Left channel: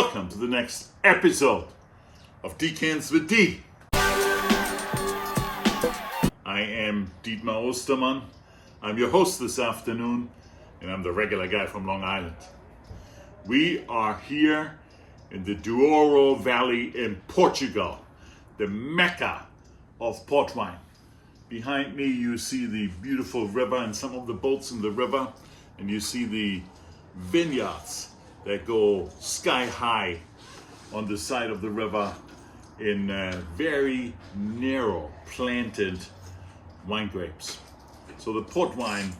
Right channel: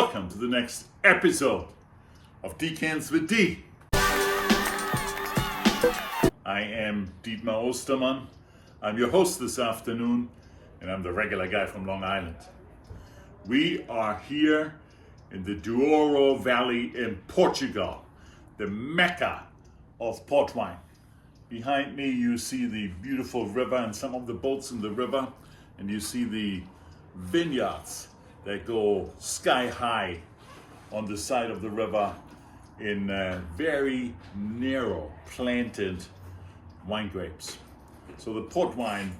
Welcome to the next episode of Decants with D. I am Dietmar Ostermann. I'm your host this afternoon, and I'm the regular guy from Long Island. We are here in the Douro Valley in Portugal, the mecca of port wine. Behind me you see the beautiful river and some of the boats in the river, and you see the vineyards that go sky high on the side of the river in very narrow planted wine grapes. So the port wine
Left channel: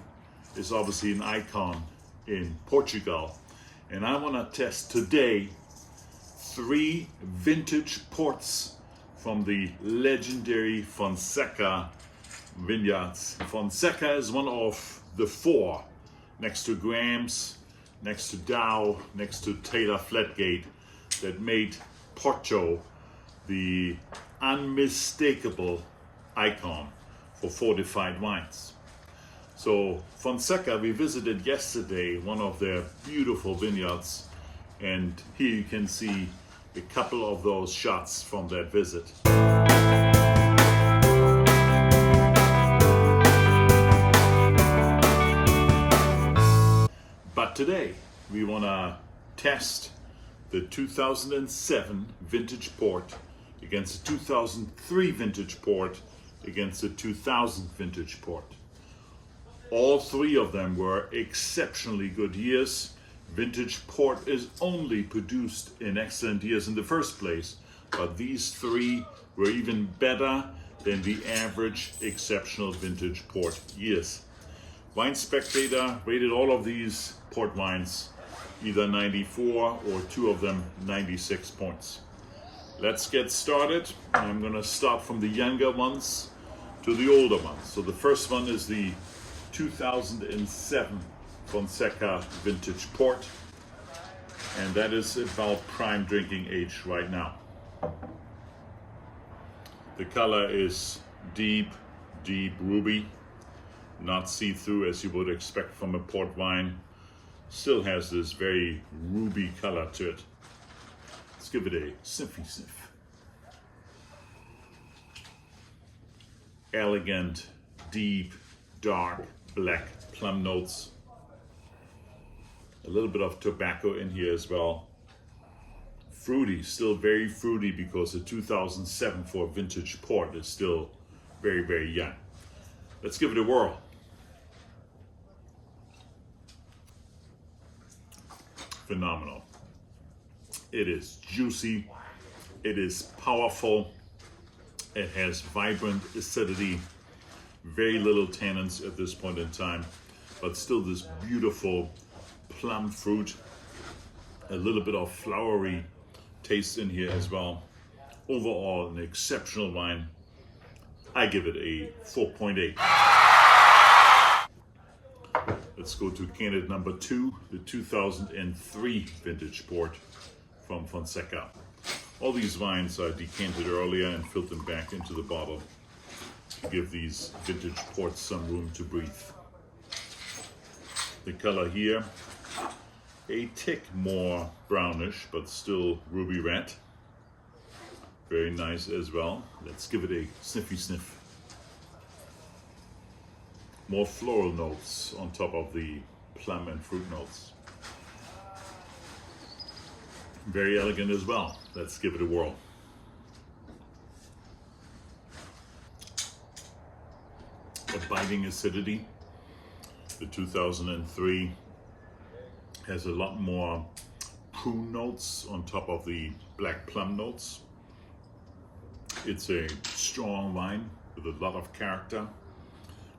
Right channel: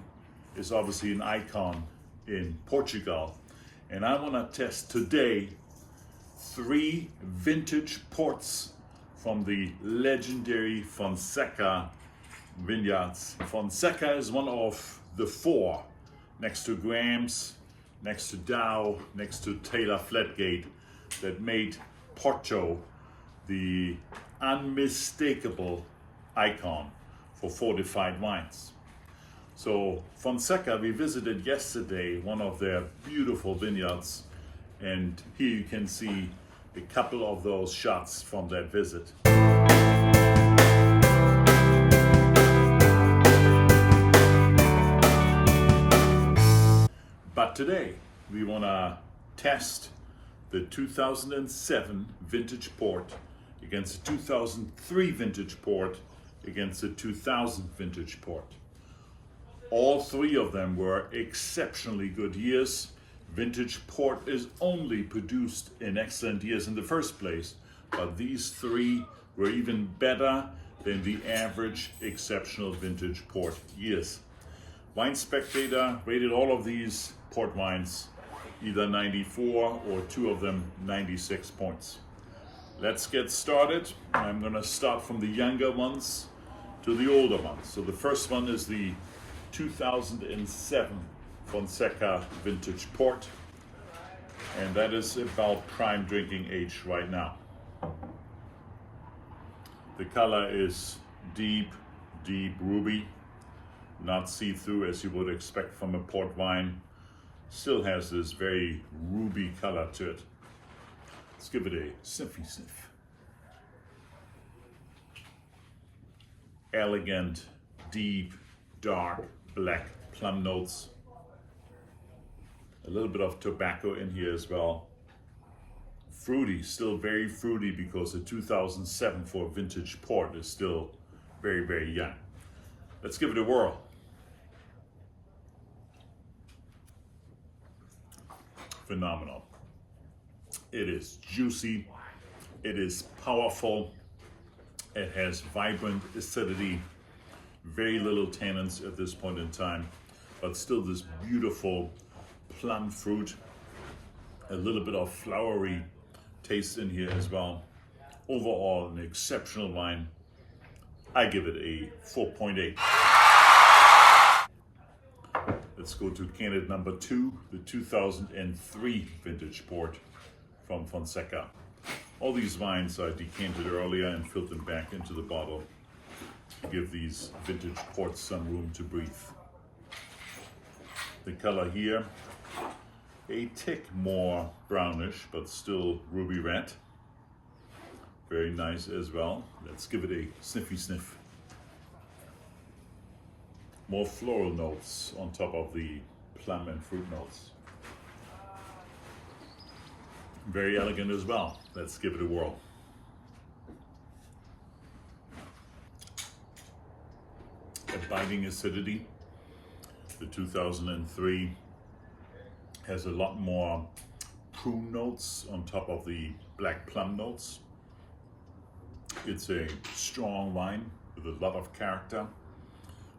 is obviously an icon in Portugal, and I want to test today 3 vintage ports from the legendary Fonseca vineyards. Fonseca is one of the 4, next to Graham's, next to Dow, next to Taylor Flatgate, that made Porto the unmistakable icon for fortified wines. So Fonseca, we visited yesterday one of their beautiful vineyards, and here you can see a couple of those shots from that visit. But today we want to test the 2007 vintage port against the 2003 vintage port against the 2000 vintage port. All 3 of them were exceptionally good years. Vintage port is only produced in excellent years in the first place, but these 3 were even better than the average exceptional vintage port years. WineSpectator rated all of these port wines either 94 or 2 of them 96 points. Let's get started. I'm going to start from the younger ones to the older ones. So the first one is the 2007 Fonseca vintage port, and that is about prime drinking age right now. The color is deep ruby, not see-through as you would expect from a port wine. Still has this very ruby color to it. Let's give it a sniffy sniff. Elegant, deep, dark, black plum notes. A little bit of tobacco in here as well. Fruity, still very fruity, because the 2007 for vintage port is still very young. Let's give it a whirl. Phenomenal. It is juicy, it is powerful, it has vibrant acidity, very little tannins at this point in time, but still this beautiful plum fruit, a little bit of flowery taste in here as well. Overall, an exceptional wine. I give it a 4.8. Let's go to candidate number 2, the 2003 vintage port from Fonseca. All these wines are decanted earlier and filtered back into the bottle to give these vintage ports some room to breathe. The color here, a tick more brownish, but still ruby red. Very nice as well. Let's give it a sniffy sniff. More floral notes on top of the plum and fruit notes. Very elegant as well. Let's give it a whirl. A biting acidity. The 2003 has a lot more prune notes on top of the black plum notes. It's a strong wine with a lot of character.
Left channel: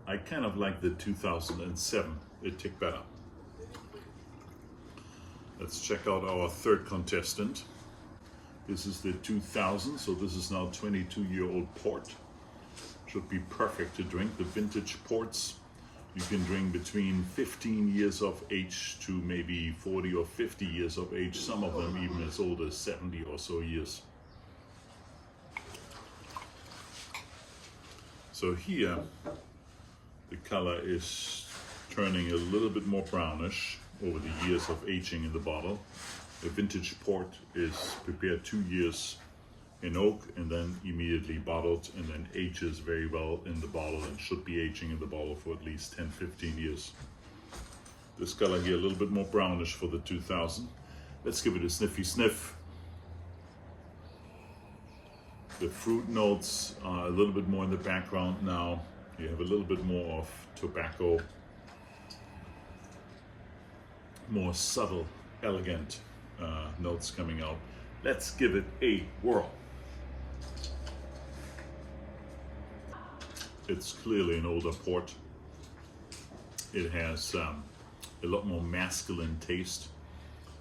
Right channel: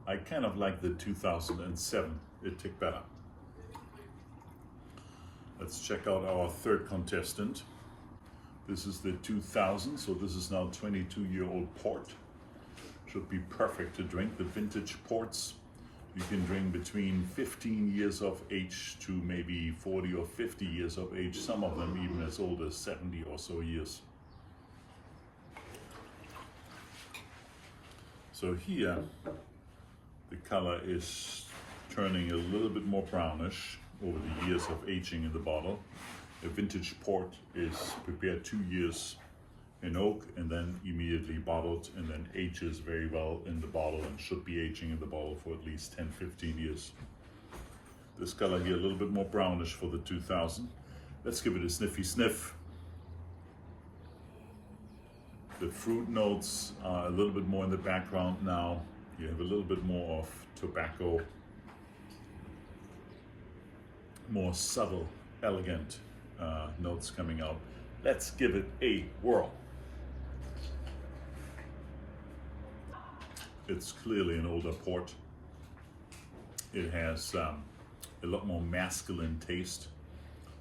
I kind of like the 2007, a tick better. Let's check out our third contestant. This is the 2000, so this is now 22-year-old port. Should be perfect to drink. The vintage ports you can drink between 15 years of age to maybe 40 or 50 years of age, some of them even as old as 70 or so years. So here, the color is turning a little bit more brownish over the years of aging in the bottle. A vintage port is prepared 2 years in oak and then immediately bottled, and then ages very well in the bottle and should be aging in the bottle for at least 10-15 years. This color here a little bit more brownish for the 2000. Let's give it a sniffy sniff. The fruit notes are a little bit more in the background now. You have a little bit more of tobacco, more subtle, elegant notes coming out. Let's give it a whirl. It's clearly an older port. It has a lot more masculine taste.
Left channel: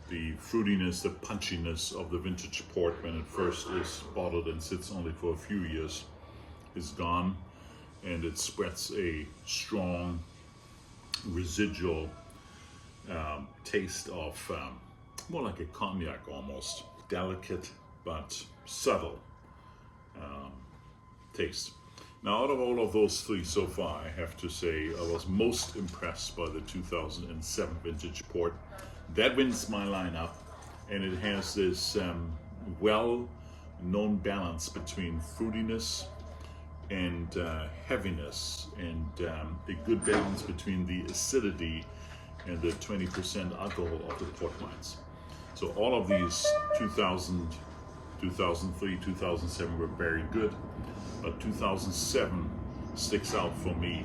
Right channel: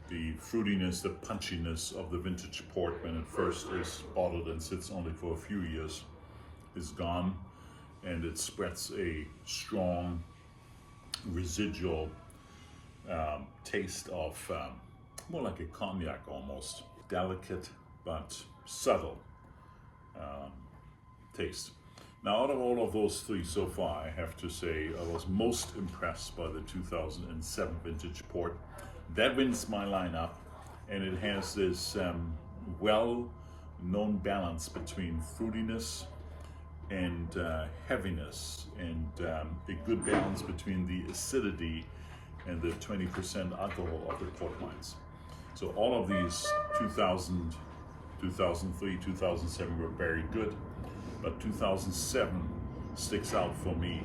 The fruitiness, the punchiness of the vintage port when it first is bottled and sits only for a few years is gone, and it spreads a strong residual taste of more like a cognac almost. Delicate but subtle taste. Now, out of all of those three so far, I have to say I was most impressed by the 2007 vintage port. That wins my lineup, and it has this well-known balance between fruitiness and heaviness, and a good balance between the acidity and the 20% alcohol of the port wines. So all of these 2000, 2003, 2007 were very good, but 2007 sticks out for me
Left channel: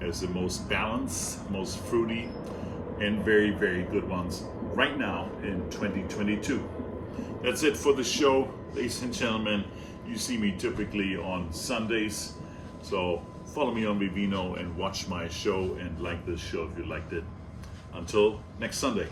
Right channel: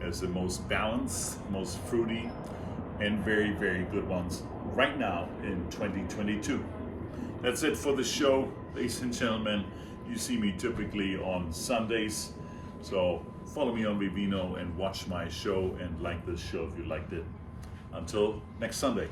as the most balanced, most fruity, and very, very good ones right now in 2022. That's it for the show, ladies and gentlemen. You see me typically on Sundays, so follow me on Vivino and watch my show and like this show if you liked it. Until next Sunday.